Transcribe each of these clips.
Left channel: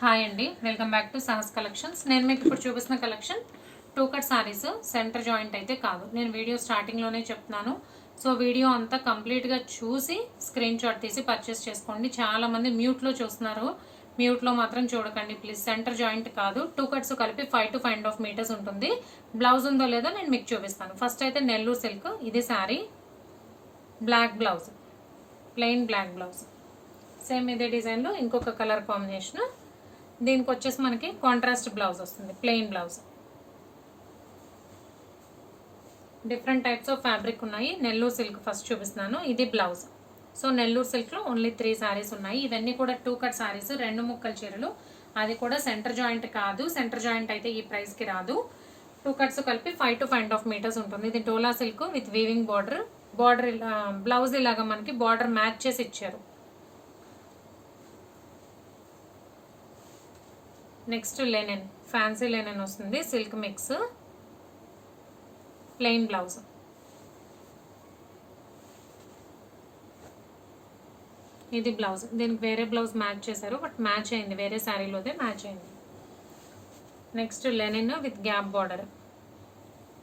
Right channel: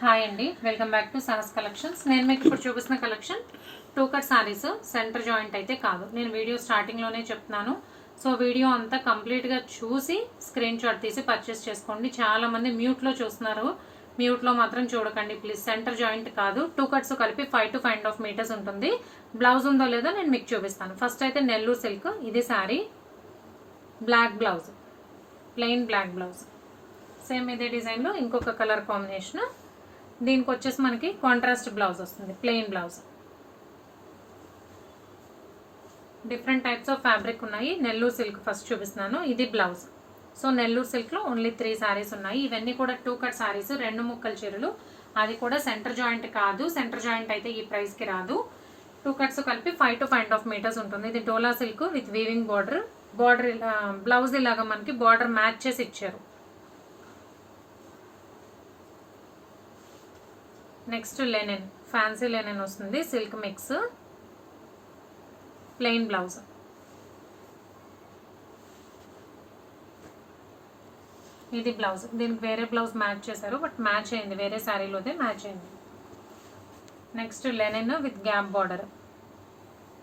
Hi అండి, welcome back to Sahas collections. నేను మీకు ఇప్పుడు చూపిస్తున్న collection 2 cut saris. Centre joint అయితే కాదు, నేను వీడియో స్టార్టింగ్లోనే చెప్తున్నాను. సో వీడియో అంతా కంప్లీట్గా చూసి స్క్రీన్ షాట్ తీసి పర్చేస్ చేసుకోండి. చాలామంది మ్యూట్లో చూస్తున్నారు, మ్యూట్లో మాత్రం చూడకండి ప్లీజ్. సెంటర్ జాయింట్ కాదు, 2 కట్స్ కలిపి 5 to 5.5 మీటర్స్ ఉంటుంది. బ్లౌజ్ ఉందో లేదో నేను మీకు చూపిస్తాను. ఫస్ట్ అయితే నెల్లూరు సిల్క్, ఇది sari, black blouse, plain black blouse. Same ఇదే డిజైన్లో ఇంకొక కలర్ కాంబినేషన్. దీనికి వచ్చేసి మనకి కాంట్రాస్ట్ బ్లౌజ్ వస్తుంది, plain blouse. Different types of fabric ఉన్నాయి. నెల్లూరు సిల్క్ ఫస్ట్ చూపిస్తున్నాను, ఇది బ్లౌజ్. సో నెల్లూరు సిల్క్లో ఓన్లీ 3 శారీస్ ఉన్నాయి. ఇవన్నీ కూడా 2 కట్ శారీస్, 2 ముక్కల చీరలు. అది కూడా సెంటర్ జాయింట్ కాదు, సెంటర్ జాయింట్ అయితే ఈ ప్రైస్కి రాదు. 2 కట్స్ కలిపి 5 to 5.5 మీటర్స్ ఉంటుంది. ఇది dola silk with weaving border. Border blouse ఇలాగా మనకి బార్డర్ మ్యాచ్ చేసి ఇచ్చారు. నెక్స్ట్ లెనిన్, ఫ్యాన్సీ లెనిన్ వస్తుంది, సిల్క్ మిక్స్, ప్లెయిన్ బ్లౌజ్. ఇది బ్లౌజ్, దీనికి వేరే బ్లౌజ్ మ్యాచ్ చేశారు, బట్ మ్యాచ్ అయింది, వేరే శారీలోదే మ్యాచ్ అయింది. Next linen with gap border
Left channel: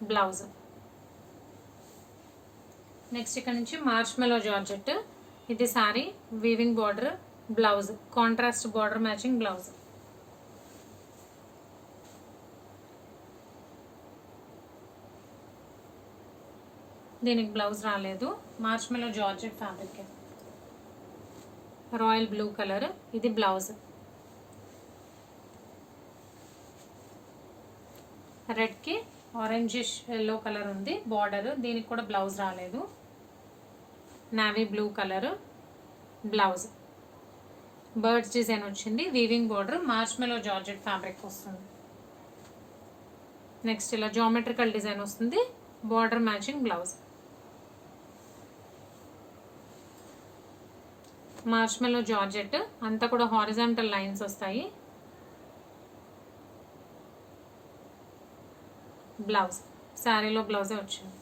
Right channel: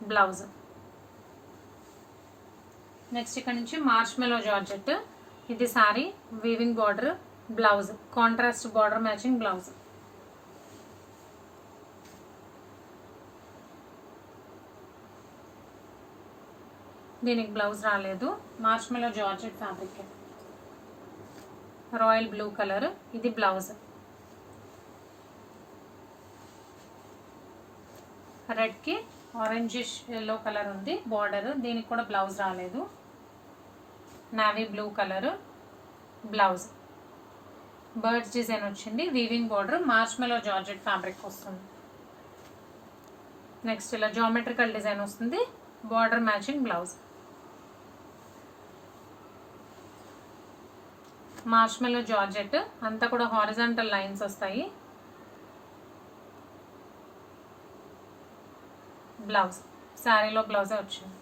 blouse. Next ఇక్కడ నుంచి మార్ష్మెలో జార్జెట్, ఇది sari, weaving border, blouse, contrast border matching blouse. దీనికి బ్లౌజ్ రాలేదు. Marshmallow georgette fabric, royal blue colour, ఇది బ్లౌజ్. రెడ్కి ఆరెంజిష్ ఎల్లో కలర్ ఉంది బార్డర్, దీనికి కూడా బ్లౌజ్ రాలేదు. Navy blue colour blouse, birds design వచ్చింది, weaving border, marshmallow georgette fabric వస్తుంది. నెక్స్ట్ ఇలా జామెట్రికల్ డిజైన్ వస్తుంది, border matching blouse. Marshmallow georgette అంతా కూడా హారిజాంటల్ లైన్స్ వస్తాయి. బ్లౌజ్, శారీలో బ్లౌజే వచ్చింది.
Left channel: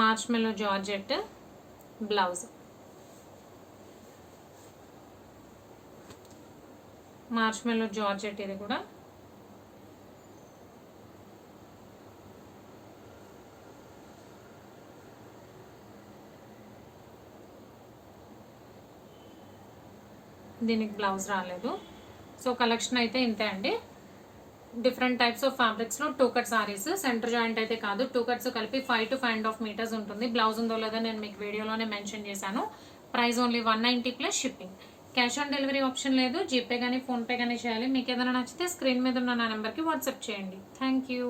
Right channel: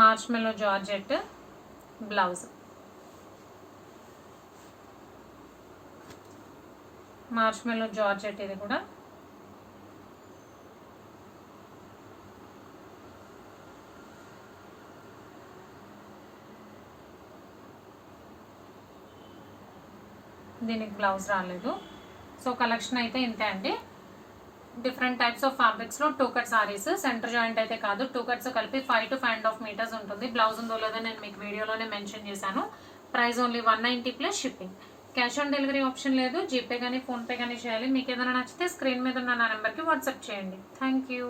Marshmallow georgette blouse, marshmallow georgette, ఇది కూడా. దీనికి బ్లౌజ్ రాలేదు. సో కలెక్షన్ అయితే ఇంతే అండి. డిఫరెంట్ టైప్స్ ఆఫ్ ఫ్యాబ్రిక్స్లో 2 కట్ సారీస్, సెంటర్ జాయింట్ అయితే కాదు, 2 కట్స్ కలిపి 5 to 5.5 మీటర్స్ ఉంటుంది. బ్లౌజ్ ఉందో లేదో నేను మీకు వీడియోలోనే మెన్షన్ చేశాను. Price only 190 plus shipping. Cash on delivery option లేదు, జీపే కానీ ఫోన్పే కానీ చేయాలి. మీకు ఏదైనా నచ్చితే స్క్రీన్ మీద ఉన్న నా నెంబర్కి వాట్సాప్ చేయండి. Thank you.